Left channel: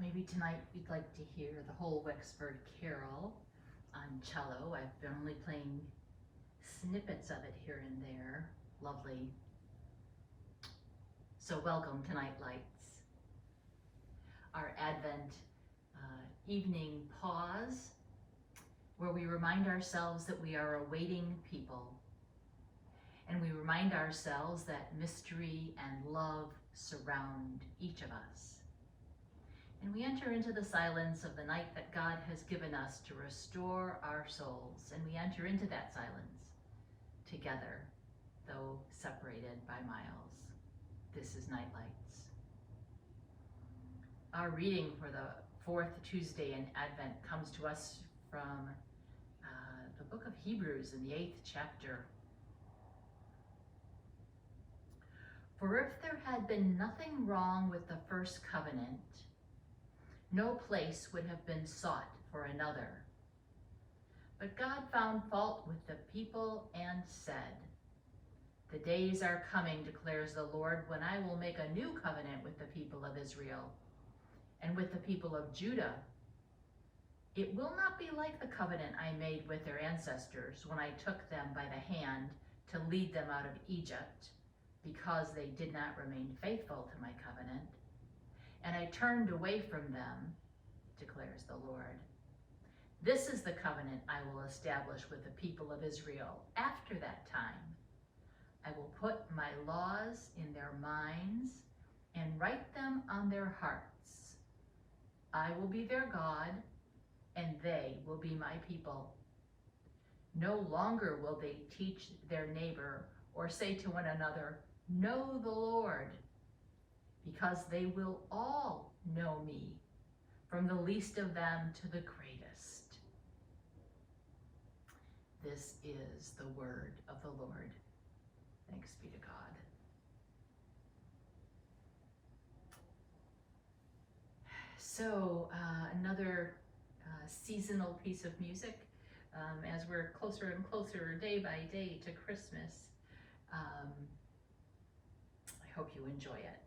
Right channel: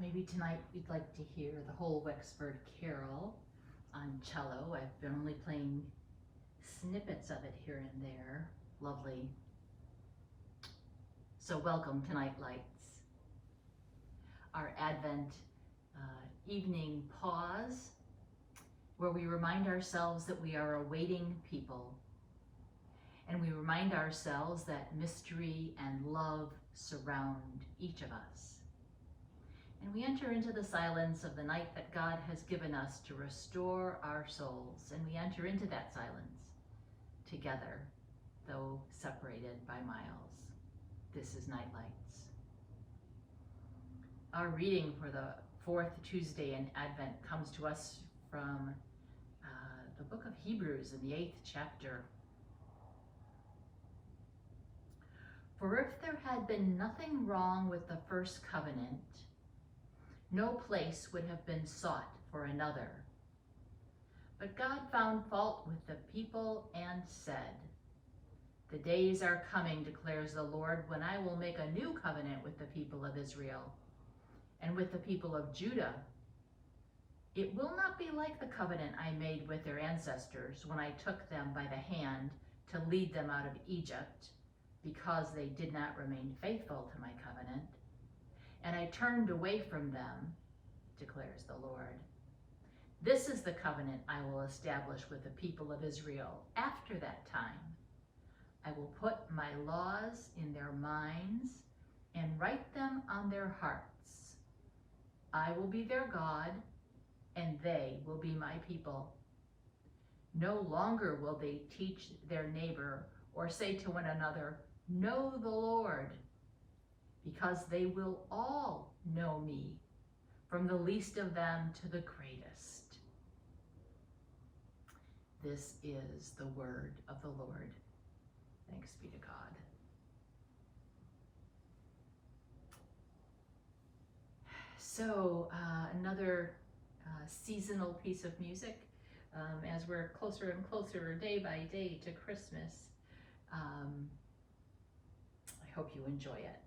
Maybe tonight you'd like to hear the whole Wexford Carol on cello. I've been only playing snippets of it here and there. Lovely. So welcome to NightLights, our Advent evening pause, where we remind ourselves that we are a waiting people, and we remind ourselves that mystery and love surround each of us. And we enter into the silence of the night that God has given us to restore our souls, and we enter into that silence together, though separated by miles. This is NightLights. Our reading for the fourth Tuesday in Advent comes to us from the book of Hebrews in the 8th chapter. For if there had been nothing wrong with the first covenant, no place would have been sought for another. But God found fault with the people and said, "The days are coming, declares the Lord, when I will make a new covenant with the people of Israel and with the people of Judah. It will not be like the covenant I made with their ancestors when I took them by the hand to lead them out of Egypt, because they did not remain faithful to my covenant. And I turned away from them, declares the Lord. This is the covenant I will establish with the people of Israel after that time. I will put my laws in their minds and write them on their hearts. I will be their God, and they will be my people. No longer will they teach their neighbor or say to one another, 'Know the Lord,' because they will all know me, from the least of them to the greatest." This is the word of the Lord. Thanks be to God. So another seasonal piece of music as we're closer and closer day by day to Christmas. I hope you enjoy it.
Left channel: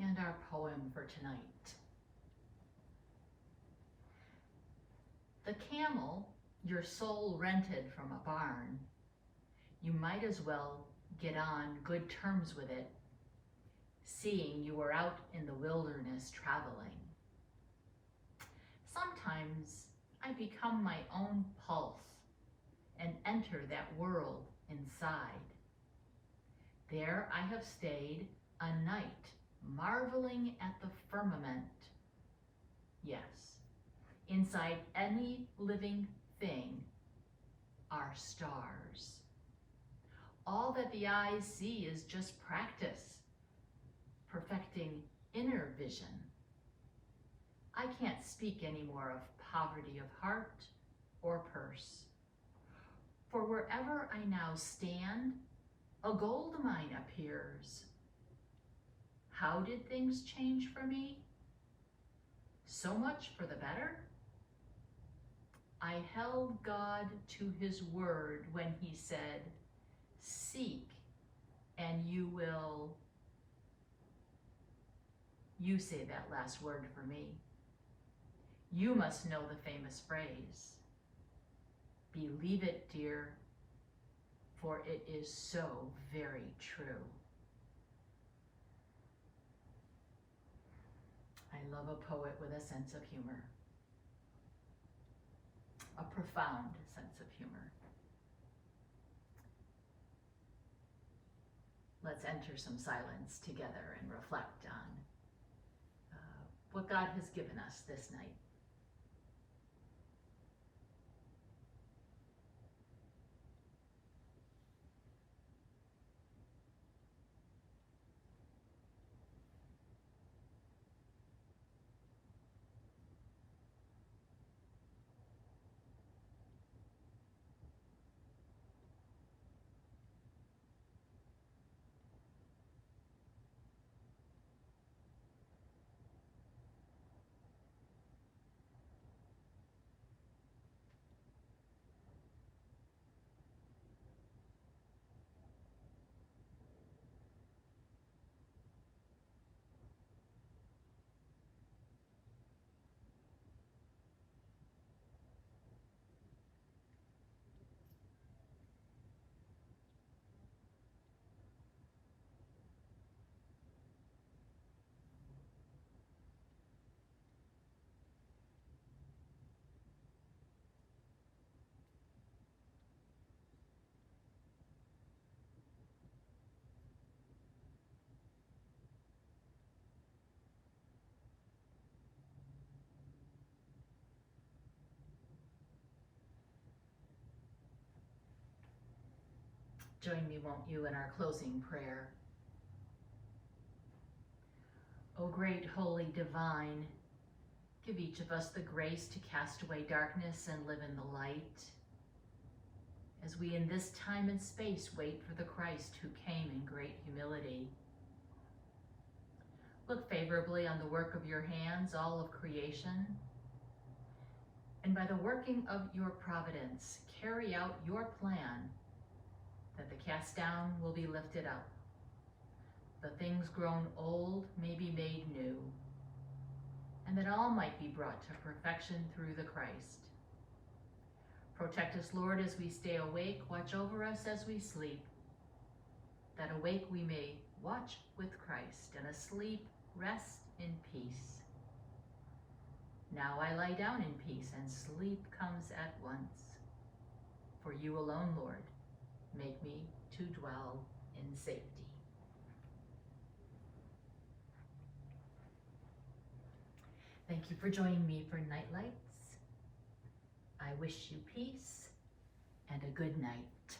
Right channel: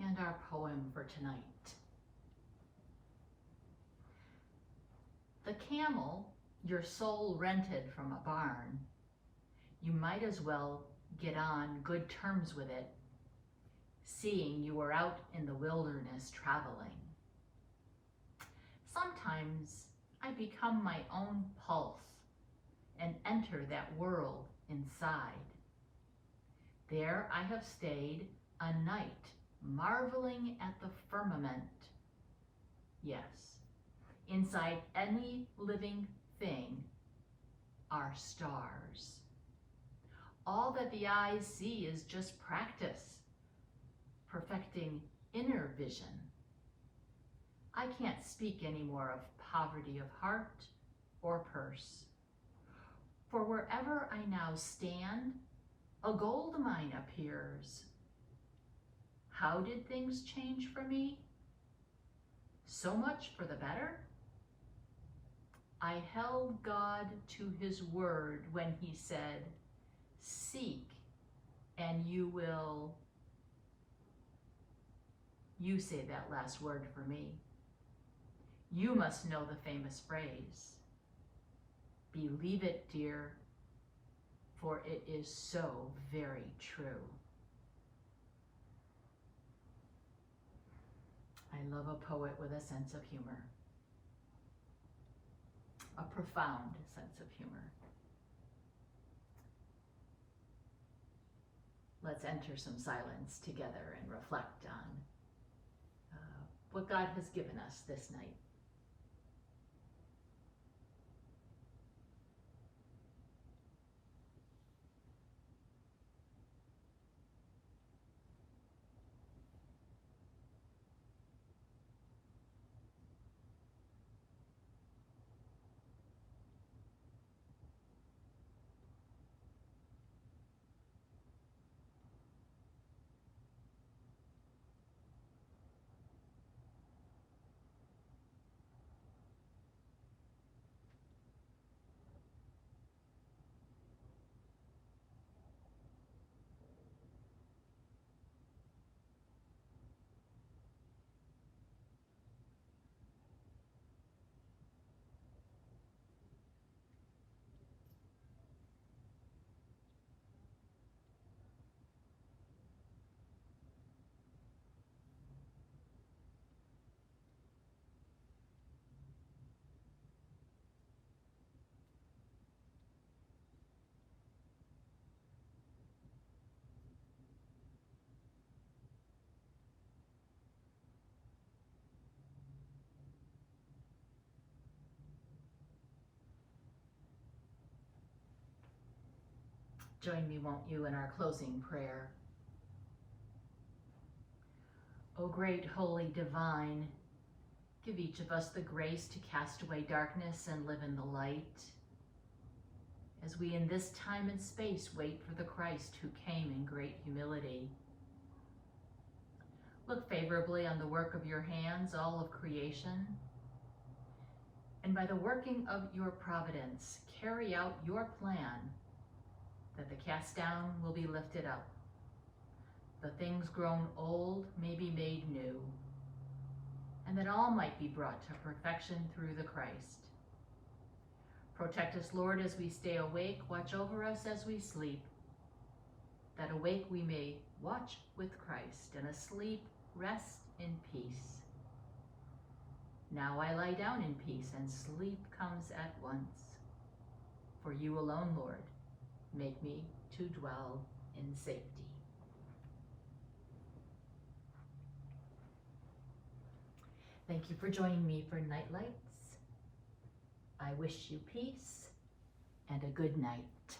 And our poem for tonight. The camel your soul rented from a barn, you might as well get on good terms with it, seeing you were out in the wilderness traveling. Sometimes I become my own pulse and enter that world inside. There I have stayed a night, marveling at the firmament. Yes, inside any living thing are stars. All that the eyes see is just practice, perfecting inner vision. I can't speak anymore of poverty of heart or purse. For wherever I now stand, a gold mine appears. How did things change for me? So much for the better? I held God to his word when he said, seek and you will. You say that last word for me. You must know the famous phrase. Believe it, dear, for it is so very true. I love a poet with a sense of humor, a profound sense of humor. Let's enter some silence together and reflect on what God has given us this night. Join me, won't you, in our closing prayer. O great, holy, divine, give each of us the grace to cast away darkness and live in the light, as we in this time and space wait for the Christ who came in great humility. Look favorably on the work of your hands, all of creation, and by the working of your providence, carry out your plan that the cast down will be lifted up, the things grown old may be made new, and that all might be brought to perfection through the Christ. Protect us, Lord, as we stay awake, watch over us as we sleep, that awake we may watch with Christ, and asleep rest in peace. Now I lie down in peace, and sleep comes at once. For you alone, Lord, make me to dwell in safety. Thank you for joining me for NightLights. I wish you peace and a good night.